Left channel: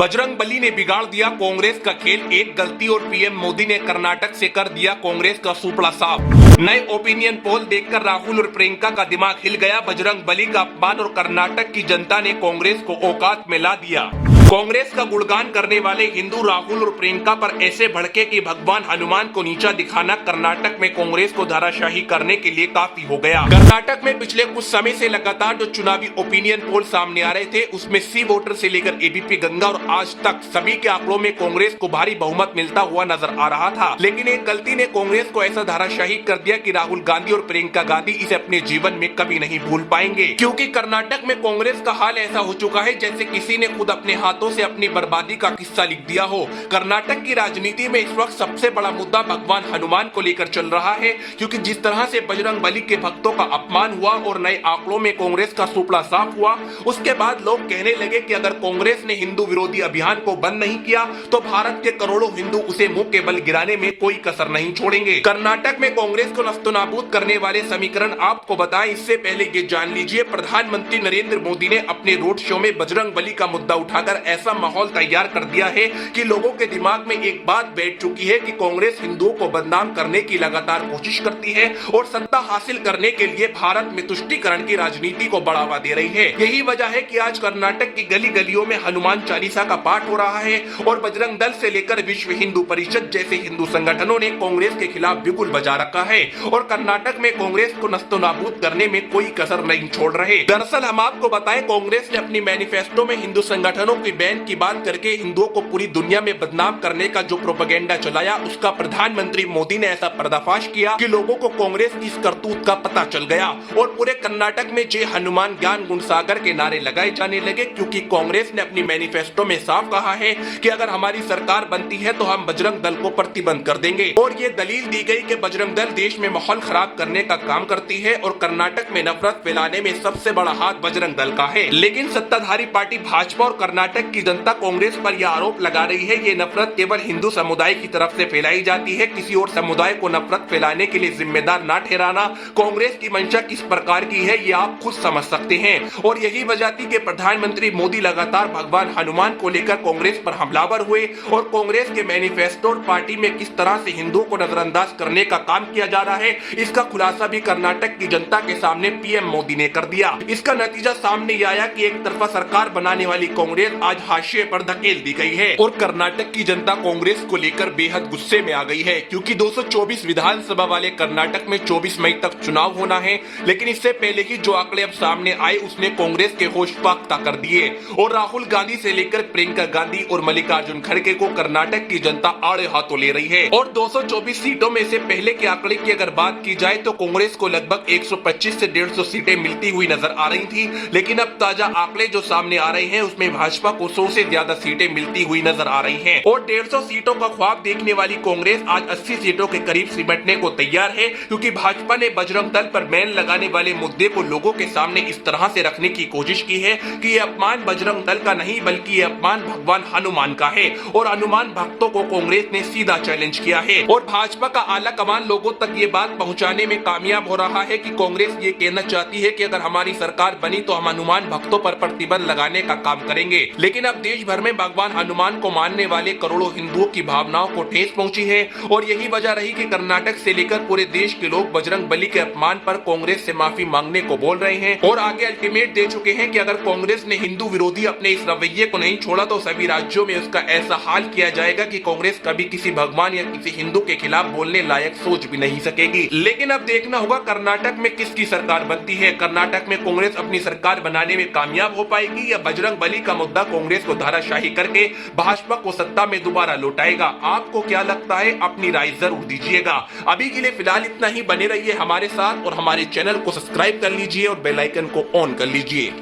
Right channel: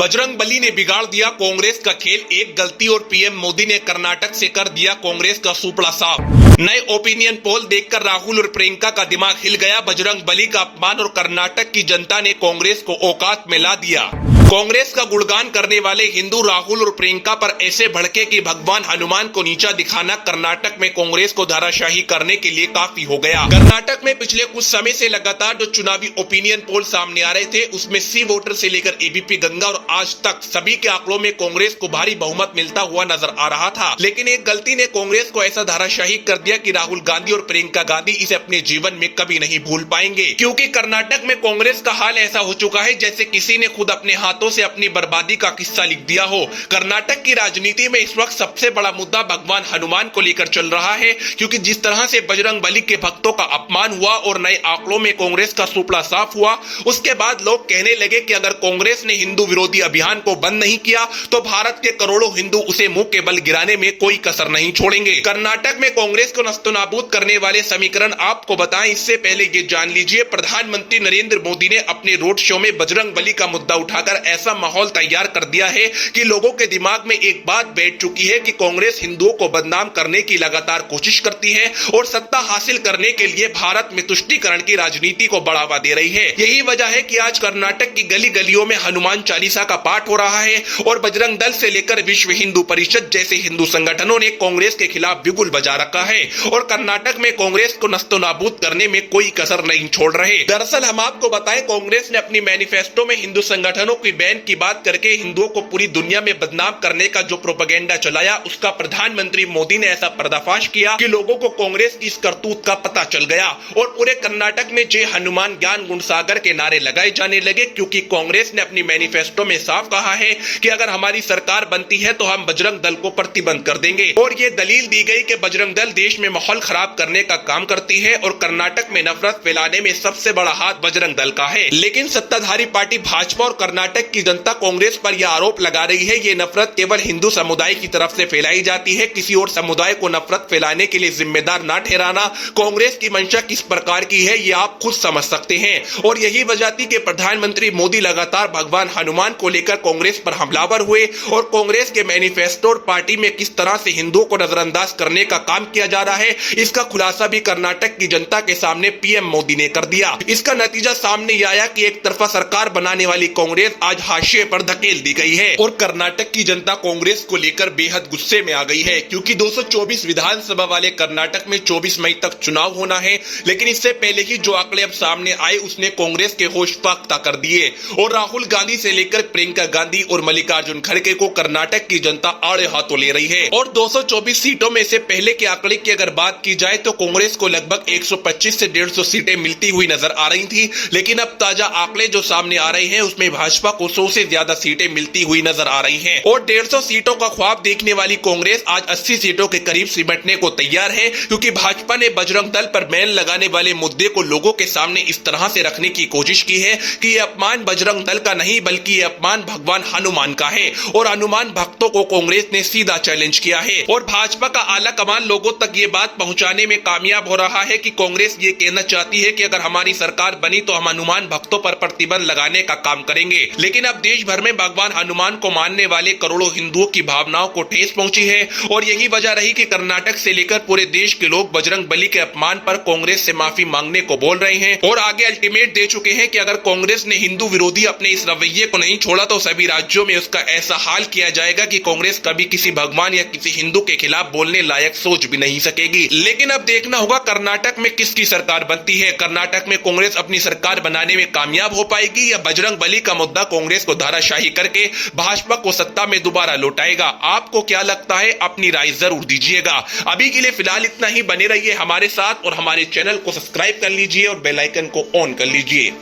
बजरंगबली ने बिगाड़ दिया कांग्रेस का खेल, एक गलती और पीएम मोदी ने कर्नाटक से कर दिया कांग्रेस का सुपड़ा साफ। नए ओपिनियन पोल देखकर राहुल और प्रियंका का दिमाग हिल गया। बजरंगबली का अपमान और कर्नाटक की जनता ने कांग्रेस को औकात में ला दिया। कांग्रेस का गुणगान करने वाले हिंदू राहुल और प्रियंका पर ऐसे भड़के कि भगवान हनुमान को नीचा दिखाना कर्नाटक में कांग्रेस को धाराशाही करने के लिए काफी हो गया। कर्नाटक में पिछले कुछ समय से लगातार जो चुनावी ओपिनियन पोल सामने आ रहे थे उसमें सी वोटर से लेकर एबीपी गंगा और आज तक सभी के आंकड़ों में कांग्रेस को भारी बहुमत मिलता हुआ नजर आ रहा था। लेकिन एक गलती ने कांग्रेस को ऐसा धाराशाही कर दिया कि राहुल गांधी और प्रियंका गांधी इसे अपने जीवन में कभी नहीं भूल पाएंगे, क्योंकि कर्नाटक में कांग्रेस का हाल ऐसा हो चुका है जैसे किसी ने खुद अपने हाथों से अपनी बर्बादी का किस्सा लिख दिया हो। कर्नाटक की राजनीति में इस वक्त सबसे बड़ा मुद्दा भगवान हनुमान को लेकर चल रहा है, क्योंकि जिस तरह से बजरंगबली के भक्तों का अपमान हुआ और नए आंकड़ों में कांग्रेस का सुपड़ा साफ हुआ, उसके बाद लोग कहने लगे कि अगर कांग्रेस ने हिंदू विरोधी अभियान को बंद नहीं किया तो भारत के करोड़ों हिंदू उसे मुंह के बल गिराने में कोई कसर नहीं छोड़ेंगे। कर्नाटक में कांग्रेस को नस्तोनाबूद करने वाले समीकरण आपको बताएं, इससे पहले ये जान लीजिए प्रधानमंत्री नरेंद्र मोदी ने अपने रोड शो में बजरंगबली का मुद्दा उठाकर ऐसा माहौल तैयार कर दिया है कि लोगों के दिमाग में एक बात बैठ चुकी है कि कांग्रेस हिंदुओं को बदनाम करने की लगातार कोशिश करती है और सत्ता हासिल करने के लिए भारत में तुष्टीकरण की राजनीति को बढ़ावा दे रही है। यही वजह है कि आज कर्नाटक की गली गलियों में हनुमान चालीसा का पाठ हो रहा है और बजरंग दल से लेकर विश्व हिंदू परिषद जैसे हिंदू संगठनों ने कांग्रेस के खिलाफ बिगुल बजा रखा है और कर्नाटक में कांग्रेस को नस्तोनाबूद करने में कोई कसर नहीं छोड़ रहे। दरअसल हम आपको बताएं, कांग्रेस ने अपनी मैनिफेस्टो में हिंदू संगठनों की बैन की बात करके हिंदुओं को पूरी दुनिया में बदनाम करने का जो प्रोपेगेंडा चलाया, उसका प्रधानमंत्री मोदी ने ऐसा पर्दाफाश किया कि लोगों को कांग्रेस की इस करतूत का पता चल गया और पूरे कर्नाटक में जय हनुमान ज्ञान गुणसागर के नारे लगाए जाने लगे, क्योंकि कांग्रेस ने अपनी मैनिफेस्टो में साफ कहा है कि अगर हमारी सरकार बनती है तो हम बजरंग दल को प्रतिबंध कर देंगे और ये दलील दी गई कि बजरंग दल देश में माहौल खराब करने का काम करती है और कर्नाटक में नफरत फैलाने में सबसे बड़ा हाथ बजरंग दल का है। लेकिन सत्ताधारी पार्टी भाजपा और कर्नाटक की जनता कांग्रेस पर यह आरोप लगा रही है ये नफरत केवल हिंदू समुदाय की तरफ से फैलाई जाती है, किसी और समुदाय को नफरत फैलाने के लिए जिम्मेदार ना ठहराना। कांग्रेस की मंशा किस प्रकार की है ये आप खुद समझ सकते हैं और यही वजह थी कि प्रधानमंत्री मोदी लगातार भगवान हनुमान को लेकर कांग्रेस पर हमलावर हुए और कांग्रेस के मैनिफेस्टो और पार्टी में किस तरह से हिंदुओं को नजरअंदाज करने का काम किया जा रहा है, इसका खुलासा भी कर्नाटक की जनता के सामने पीएम मोदी ने कर दिया। इसका नतीजा सामने आया कि एक तरफा सरकार बनाने वाली कांग्रेस आज हाशिए पर धकेल दी गई है और कर्नाटक की जनता कांग्रेस को लेकर बेहद गुस्से में आ गई है, क्योंकि 224 विधानसभा वाले कर्नाटक में 24 मई तक चुनाव होना है। लेकिन इससे पहले ही जो आंकड़े अब सामने आए उसने कांग्रेस के होश फाख्ता कर दिए और राहुल गांधी से लेकर प्रियंका गांधी और मल्लिकार्जुन खड़गे को कर्नाटक की जनता आड़े हाथों ले रही है और 224 सीटों में से पहले के आंकड़े की अगर बात की जाए तो कांग्रेस को लगभग 125 से 150 सीटें मिलती हुई नजर आ रही थी। लेकिन अब ताजा आंकड़े जो सामने आ रहे हैं उसमें भाजपा को 100 से ज्यादा सीटें मिलती हुई नजर आ रही हैं और 150 सीटों का ख्वाब देखने वाली कांग्रेस आज 80 सीटों के करीब सिमटने को तैयार है, क्योंकि भाजपा ने बजरंग दल पर बैन लगाने वाले मुद्दे को लोगों के सामने इस तरह से रखने की कोशिश की है कि ये अपमान बजरंग दल का नहीं बल्कि ये अपमान भगवान हनुमान का है और हनुमान भक्तों को कांग्रेस ने सीधा चैलेंज किया है और भाजपा का आला कमान लोगों तक ये बात पहुंचाने में कामयाब हो रहा है कि कांग्रेस ये कहना चाहती है कि अगर हमारी सरकार बनी तो हम हनुमान भक्तों पर प्रतिबंध लगाने का काम करेंगे। लेकिन अब देश भर में भगवान हनुमान को मानने वाले करोड़ों हिंदुओं की भावनाओं को ठेस पहुंची है और यही वजह रही कि कर्नाटक से लेकर पूरे देश के लोग बजरंगबली के अपमान पर कांग्रेस से माफी मांगने को बोल रहे हैं और आगे अल्टीमेट दे चुके हैं कि अगर कांग्रेस ने हिंदू विरोधी अपने इस रवैये को नहीं छोड़ा तो सभी राज्यों में उसका ऐसा हाल किया जाएगा कि कांग्रेस कभी किसी भगवान या किसी हिंदू के खिलाफ बोलने लायक सोच भी नहीं सकेगी। लेकिन अब देखना होगा कर्नाटक में किसकी सरकार बनती है। कर्नाटक में कांग्रेस अपनी सरकार बनाने में कामयाब हो पाएगी या बजरंगबली का मुद्दा कांग्रेस को धाराशाही करके भाजपा को सत्ता में दोबारा लौटाएगा। आपको क्या लगता है, अपनी राय जरूर दीजिएगा। अभी के लिए फिलहाल इतना ही, बने रहिए हमारे साथ और हमारे चैनल को सब्सक्राइब कर लीजिए और बेल आइकन को ऑन कर लीजिए।